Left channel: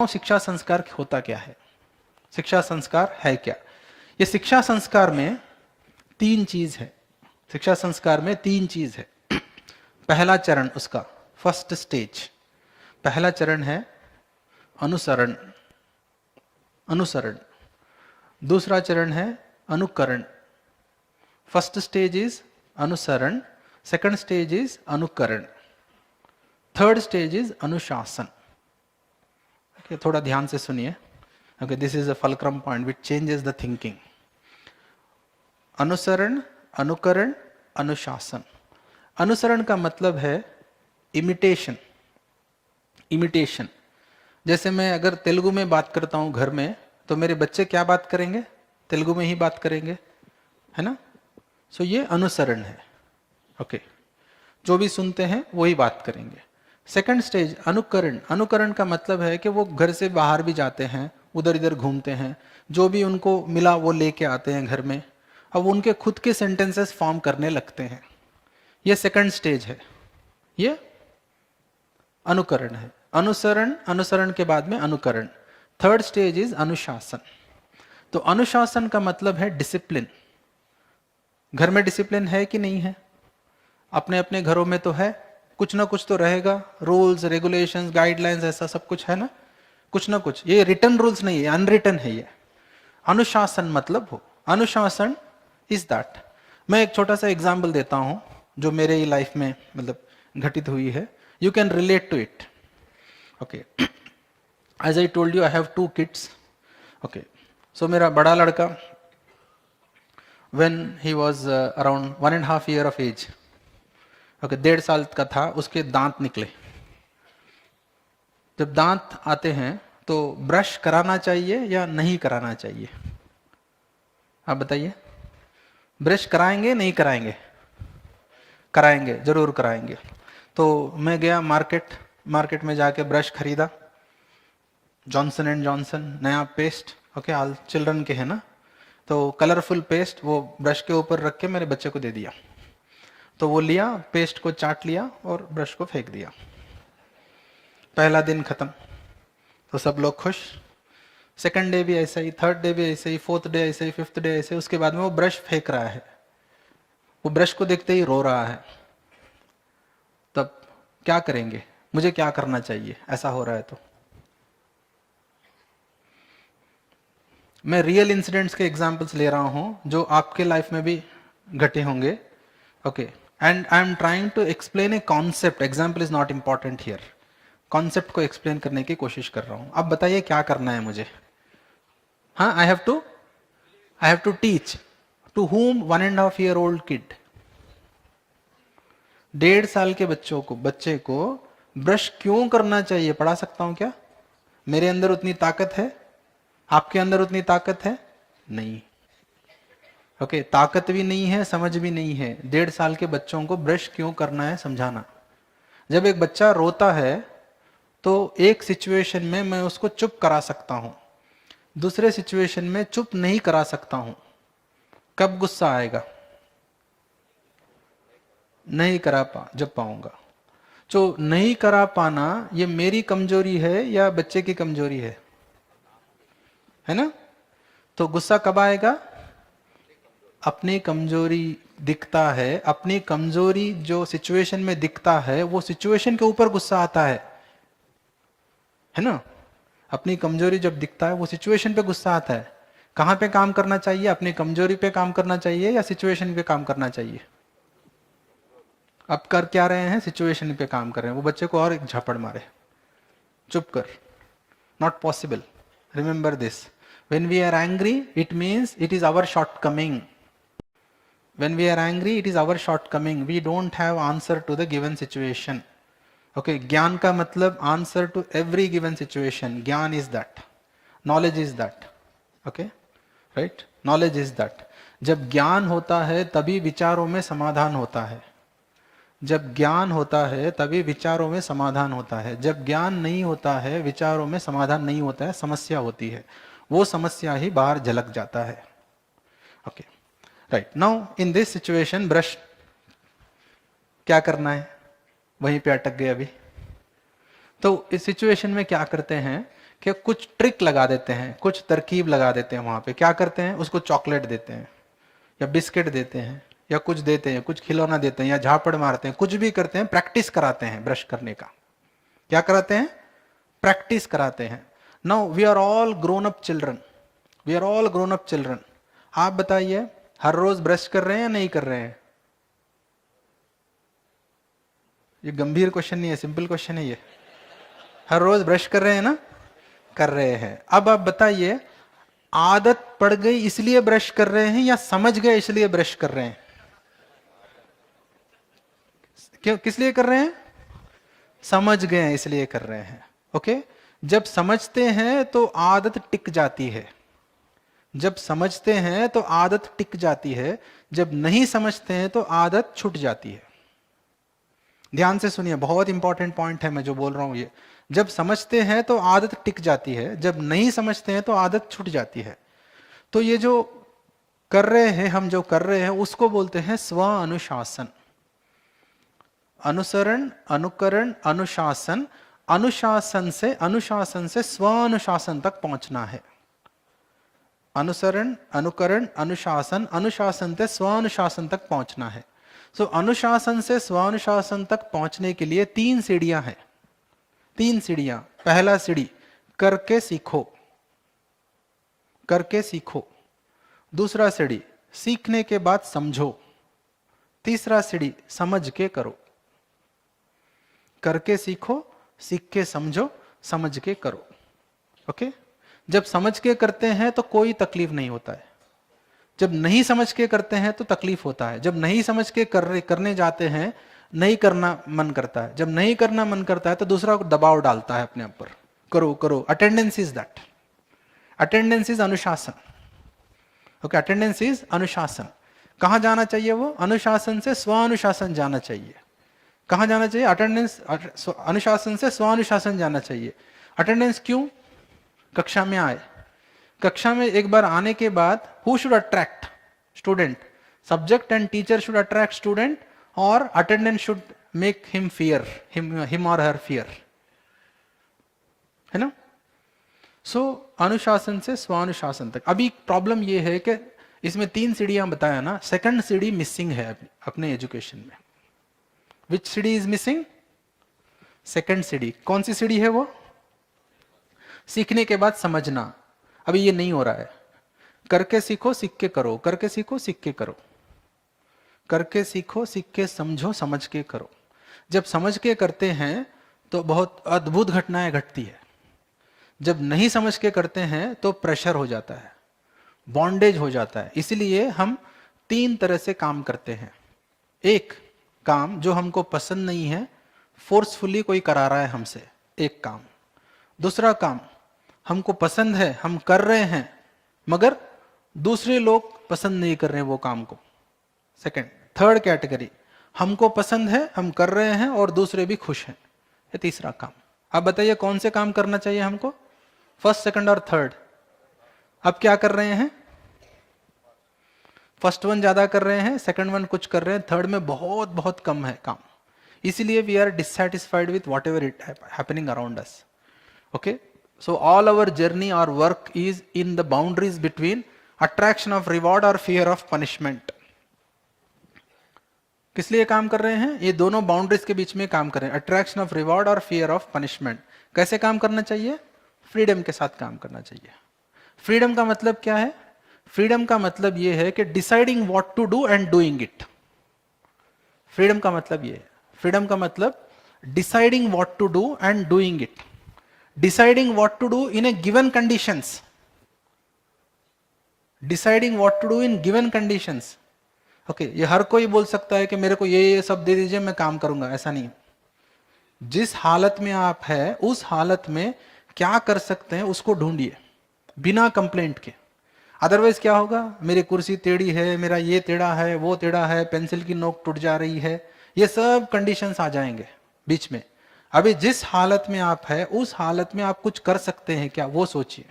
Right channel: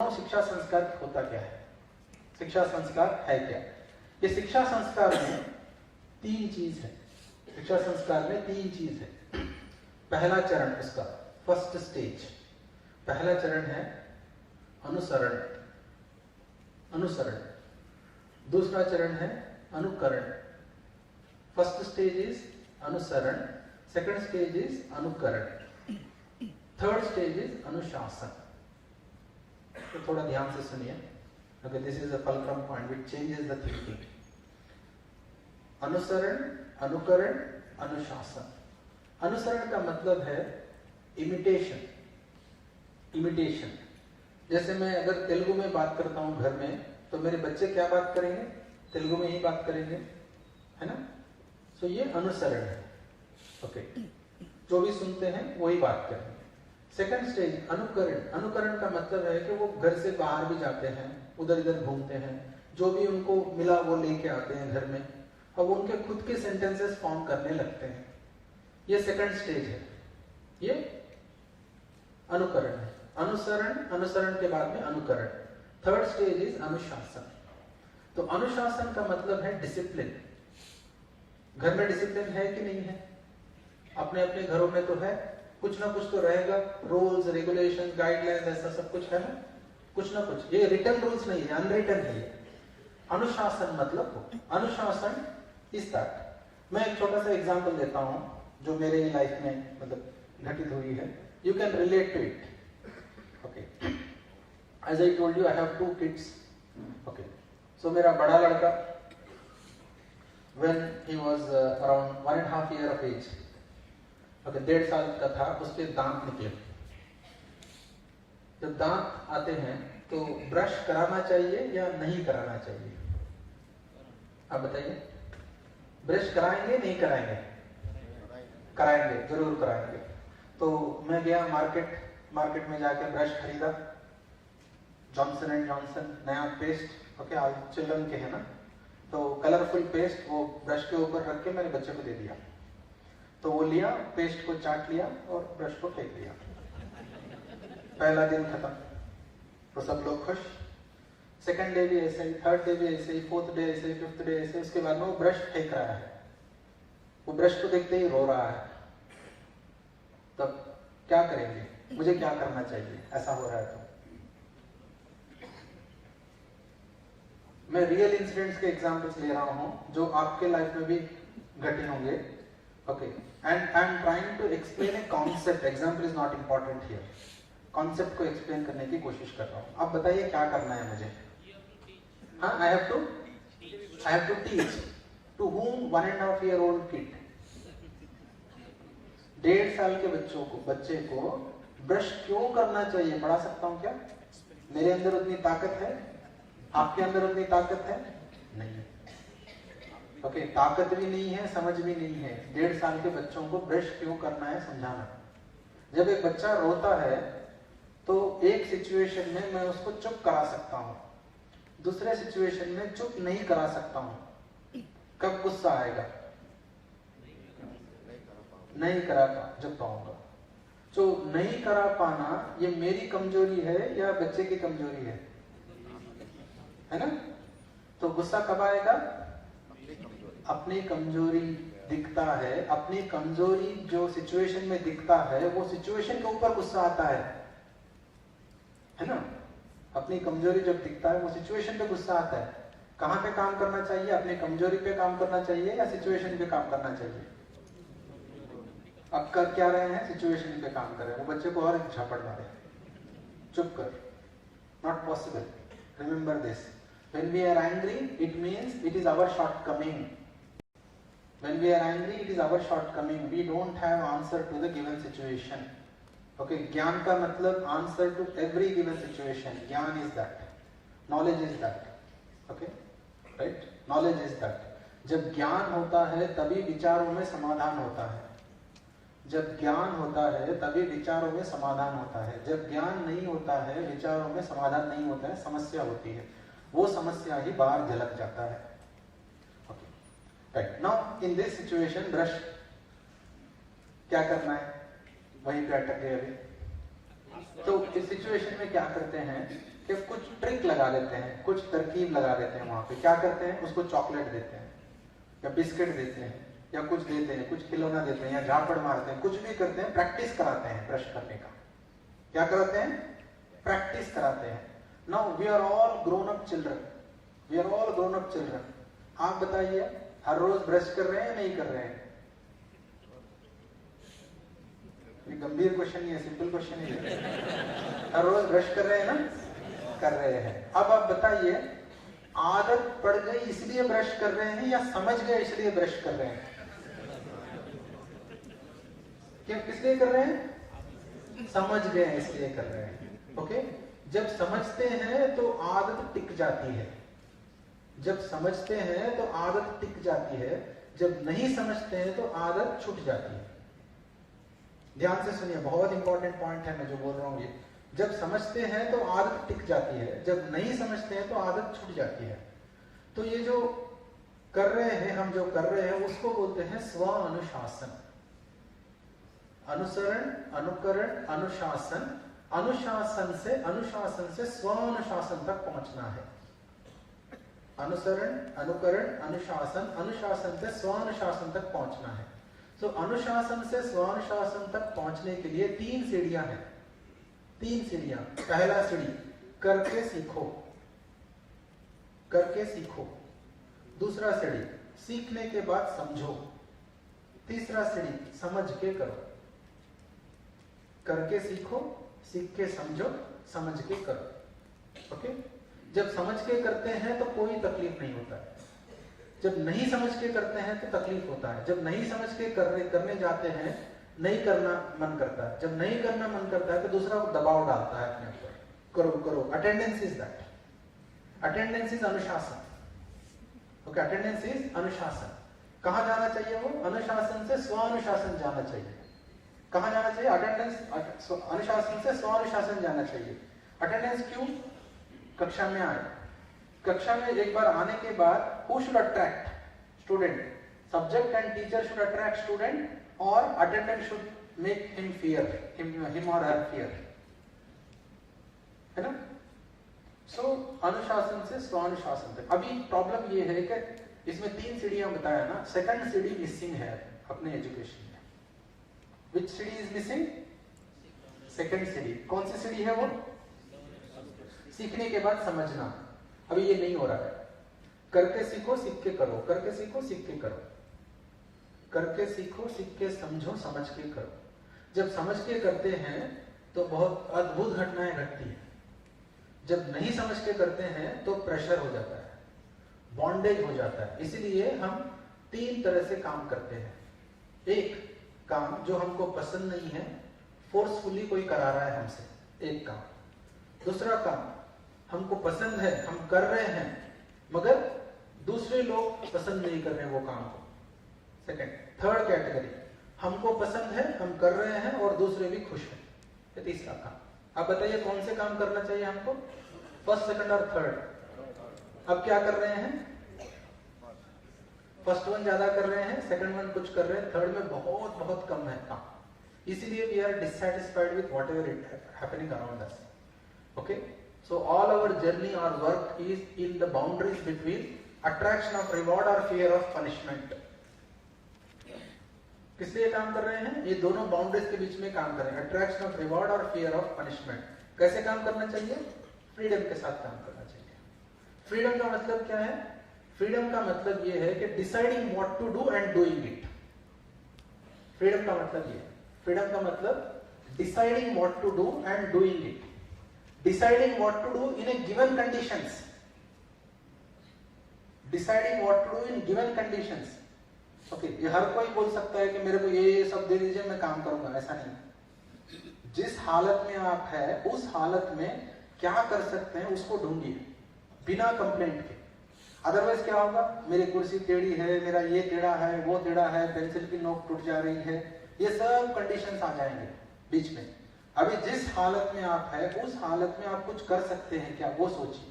शिक्षा संस्कार होता क्या है, शिक्षा संस्कार है क्या। ये शिक्षा संस्कार में तीन चीज है। शिक्षा संस्कार में तीन चीज है। पहला चरण उसका फर्स्ट स्टेज, पहला चरण है अनुसरण, अनुसरण। दूसरा चरण है अनुकरण। फर्स्ट स्टेज इज अनुसरण, सेकंड स्टेज इज अनुकरण, थर्ड स्टेज इज अनुशासन। थोड़ा ध्यान से सुनिए। Okay, this is a fulcrum point which changes the thinking. अनुसरण, अनुकरण, अनुशासन। अनुसरण का मतलब है इमिटेशन। इमिटेशन जैसे मैं अगर तेलुगु में बात करता हूँ घर में, तो मेरे बच्चे क्या बात करेंगे? तेलुगु में ही बात करेंगे, है ना। सो ये अनुसरण है। ओके, जो भी सुनते हैं वही बात करेंगे। सेकंड स्टेज अनुकरण। अनुकरण का मतलब है कि वो घर से बाहर भी जाते हैं, उधर इधर घूमते हैं, जो भी उनको मिला वो लेके आते हैं घर में, अब उनके खुद के सेंटेंसेस फॉर्म करने लगते हैं। ये सेकंड स्टेज है, ये अनुकरण है। अनुसरण, अनुसरण के बाद में अनुकरण। थर्ड स्टेज इज अनुशासन। तो अनुशासन का मतलब है डिसिप्लिन। घर में डिसिप्लिन है कि नहीं है? अपने अपने घरों में तो है, कुछ ना कुछ तो रहेगा, रूल्स रेगुलेशंस गाइडलाइंस ऐसा सब कुछ है ना, कुछ ना कुछ। ये रिटन रूल्स नहीं है, अनरिटन है ये। अनुशासन मतलब हो, अनुशासन इज दैट। मैं एक छोटा सा एग्जाम्पल देता हूँ जो मेरे ही लाइफ में मतलब घटित हुई है। You can relate to it. Okay, as I told you I have 2 kids. Okay, so मेरा बड़ा लड़का when he was around 1.5 year of age, okay, 1.5 साल का था, उसके दांत निकले। जब दांत आते हैं तो ब्रश कराना चाहिए या नहीं कराना चाहिए? आप बताइए। ब्रश कराएंगे नहीं कराएंगे? कराएंगे, जरूर कराएंगे। तो मैं गया मार्केट में जाके ब्रश खरीदा, जॉनसन एंड जॉनसन नया पेस्ट, ओके, ऑल चिल्ड्रन के है ना, तो कलरफुल पेस्ट वो ब्रश के ऊपर रख के मेरे बच्चे को दे दिया। तो वो लिया, पेस्ट को चाट लिया और ब्रश को फेंक दिया। पहला दिन खत्म, तो सब लोग खुश। सेकंड डे भी ऐसे ही, थर्ड डे भी ऐसे ही, फोर्थ डे ऐसे ही, फिफ्थ डे ऐसे। उसके बाद में वो ब्रश फेंक रहा है, वो ब्रश को देखते ही रो रहा है। तब क्या करेंगे? मुझे क्या करना चाहिए ऐसा हो रहा है? तो मैं रियल इंसिडेंट्स के एग्जाम्पल्स ले रहा हूं जो आपके लाइफ में भी घटे होंगे। Okay, and I am trying to explain a concept. Example is not important here. Concept को एक्सप्लेन करने की कोशिश कर रहा हूं। अब बताइए क्या करना है मुझे? हाँ, I have to teach to whom 1.5 year old kid। 1.5 साल के बच्चे को ब्रश क्यों करना चाहिए पढ़ा सकता हूं क्या? मेरे अंदर उतनी ताकत है? आपके अंदर उतनी ताकत है? नहीं। ओके, ताकत भी नहीं है, समझ भी नहीं है। 1.5 साल के बच्चों को ब्रश क्यों करना है समझाना। जब एक बच्चा रोता है तो एक सिचुएशन में मैं उसको चुप करा सकता हूं, दूसरे सिचुएशन में चुप नहीं करा सकता हूं। कब गुस्सा आएगा? नहीं करा जब पाऊंगा। जो नहीं करा पाना ये मेरी कमजोरी है या बच्चे की कमजोरी है ना? तो गुस्सा कब आएगा? अपनी कमजोरी दिखता है, अपनी कमजोरी जो सिचुएशन में दिखता है वो सिचुएशन के ऊपर गुस्सा आता है ना। अपनी कमजोरी जब दिखता है वो सिचुएशन पे गुस्सा आता है। कहाँ पे काम करना चाहिए? अपनी कमजोरी पे काम करना चाहिए या सिचुएशन पे काम करना चाहिए? अब कर क्या रहे हैं? सिचुएशन पे काम कर रहे हैं। वो बच्चे को और एक झापड़ मारे, चुप कर। Not possible. Remember this, when we are angry it means it is our shortcoming. When we are angry, it is our shortcoming. We don't have answer to the given situation. Okay, ज्ञान का मतलब answer to every given situation. ज्ञान is that. Knowledge is that. Okay, right? Knowledge is that. जब ज्ञान होता है तभी विचारों में समाधान होता है। जब ज्ञान होता है तभी विचारों में समाधान होता है। जब ज्ञान नहीं होता है, विचारों में समाधान नहीं होता है, समस्या होती है। वो समस्या ही बाहर झलक जाता है। Okay, right. Now in this situation brush क्या करना है? वहीं पे अटक गए अभी। तो इस सिचुएशन में क्या करते हैं कि कुछ ट्रिक लगा देते हैं, कुछ तरकीब लगा देते हैं। वहाँ पे क्या करते हैं, उसको चॉकलेट देते हैं या बिस्किट देते हैं या कुछ देते हैं, कुछ खिलौना देते हैं या झापड़ मारते हैं, कुछ भी करते हैं, प्रैक्टिस कराते हैं ब्रश करने का। क्या कराते हैं, प्रैक्टिस कराते हैं। Now we are all grown up children, we are all grown up children. आप बताइए हर रोज ब्रश कर रहे हैं या नहीं कर रहे हैं? ये गंभीर क्वेश्चन नहीं है, सिंपल क्वेश्चन है ये। हर रोज ब्रश कर रहे हैं ना? कर रहे हैं। अब आप बताइए आदत पड़ गई इसलिए ब्रश कर रहे हैं या समझ गए इसलिए ब्रश कर रहे हैं? क्यों, किस लिए कर रहे हैं? समझ गए इसलिए कर रहे हैं। ओके, जब समझते हैं तो आदत टिक जाती है, जब समझते हैं तो आदत टिक जाती है, जब नहीं समझते हैं तो आदत छूट जाती है। ध्यान से सुनिए, बहुत इंपॉर्टेंट पॉइंट है मैं जो बोल रहा हूं ये। जब समझते हैं तो आदत टिक जाती है, जब नहीं समझते हैं तो आदत छूट जाती है। तो ये जो कर रहे हैं, हम जो कर रहे हैं उसको बोलते हैं स्व अनुशासन। अनुसरण, अनुकरण, अनुशासन, अनुशासन से स्व अनुशासन तक पहुंचना है। अनुसरण, अनुकरण, अनुशासन, अनुशासन से स्व अनुशासन तक पहुंचना है। सो अनुशासन से स्व अनुशासन तक पहुंचने के लिए 3 सीढ़ियां हैं, 3 सीढ़ियां। पहला सीढ़ी करके सीखो, करके सीखो। दूसरा सीढ़ी सीखने के बाद समझो। तीसरा सीढ़ी समझ के करो। करके सीखो, सीख के समझो, समझ के करो। ओके, जब समझ के करते हैं तो कोई तकलीफ नहीं होता है, जब नहीं समझ के करते हैं तो तकलीफ होता है। जब नहीं समझ के करने जाते हैं नहीं करना मन करता है, जब नहीं करना मन करता है तो दूसरा दबाव डालता है अपने ऊपर, करो करो। Attendance is that, attendance is अनुशासन। ओके, अटेंडेंस इज अनुशासन। कहाँ जाना चाहिए वो? अनुशासन से स्व अनुशासन जाना चाहिए। कहाँ जाना चाहिए? अटेंडेंस, अनुशासन से स्व अनुशासन जाना चाहिए। अटेंडेंस क्यों? कक्षा में आए, कक्षा में एक बार आने के बाद who should attract? Student. Subject and teacher should attract student और attendance should make him fear, him और हर फियर, है ना? सो अनुशासन से स्वानुशासन तक। अभी प्रॉब्लम ये है कि इसमें 3 सीढ़ियां बताया ना, सेकंड सीढ़ी मिसिंग है अपने एजुकेशन में। विच सीढ़ी इज मिसिंग? सेकंड सीढ़ी। कौन सी सीढ़ी है वो? सीखने के बाद समझना। अभी ये नहीं हो रहा है। करके सीखो, सीख के करो, करके सीखो, सीख के करो, करके सीखो, सीख के समझो, समझ के करो। जब समझ के करते हैं तो बहुत अद्भुत घटनाएं घटती है। जब नहीं समझ के करते हैं तो प्रेशर हो जाता है, बॉन्डेज हो जाता है। इसलिए हम 3 तरह से काम करते हैं। एक काम जो हमको पसंद नहीं है, फोर्सफुली कोई करा रहा है हमसे, एक काम। दूसरा काम हमको पसंद है, हम कर रहे हैं, मगर दूसरे लोग पसंद नहीं कर रहे हैं वो काम को, सेकंड। थर्ड कैटेगरी, हमको पसंद है, हम कर रहे हैं और दूसरे भी खुश हैं, ये तीसरा काम। अब बताइए कौन से काम करना चाहिए हमको? फर्स्ट, सेकंड और थर्ड। अब क्या कर रहे हैं? फर्स्ट वन ज्यादा कर रहे हैं, सेकंड वन कुछ कर रहे हैं, थर्ड में बहुत बहुत कम है काम। इसीलिए we are dissatisfied with whatever it happening around us. Okay, so all our journey or work is in the boundaries between attraction of reward or fear of punishment. किस लिए काम कर रहे हैं? ये दोनों बाउंड्रीज के बीच में काम कर रहे हैं, अट्रैक्शन ऑफ रिवॉर्ड और फियर ऑफ पनिशमेंट। कैसे काम करना चाहिए? फ्रीडम के साथ काम करना चाहिए। फ्रीडम का मतलब क्या है? फ्रीडम का मतलब ये है कि deciding what to do and doing it. Freedom का मतलब ये है, फ्रीडम का मतलब deciding what to do and doing it. Deciding what to do in a given conditions. Deciding what to do in given conditions. Okay, ये हर कोई बोल सकता है कि मेरे को ये सब दे दीजिए मैं काम करूंगा, ऐसा नहीं। जिस हालत में आप है उस हालत में क्या कर सकते हैं उसको ढूंढिए बिना कंप्लेंट के। अदरवाइज क्या होगा? मेरी कुर्सी टेढ़ी है, मेरा ये टेढ़ा है, वो टेढ़ा है, पेंसिल की नोक टूट जा रही है, ये सब कंडीशंस आ जाएंगे बीच में। अभी जिस हालत में आप है उस हालत में आप कुछ कर सकते हैं क्या, वो सोचिए।